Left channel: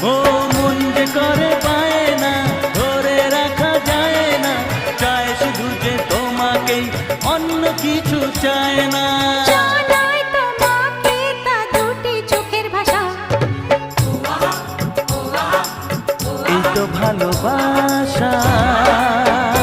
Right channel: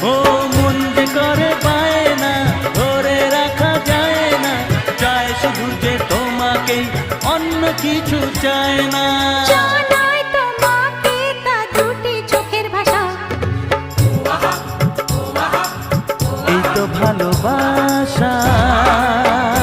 ও মন যে করে পায় না, ধরে রাখা যায় না, চায় শুধু যে তোমাকেই, অন্য কিছু চায় না। জানাই তোমাকে তা দুটি চোখের ভাষা, এই তো ভালোবাসা।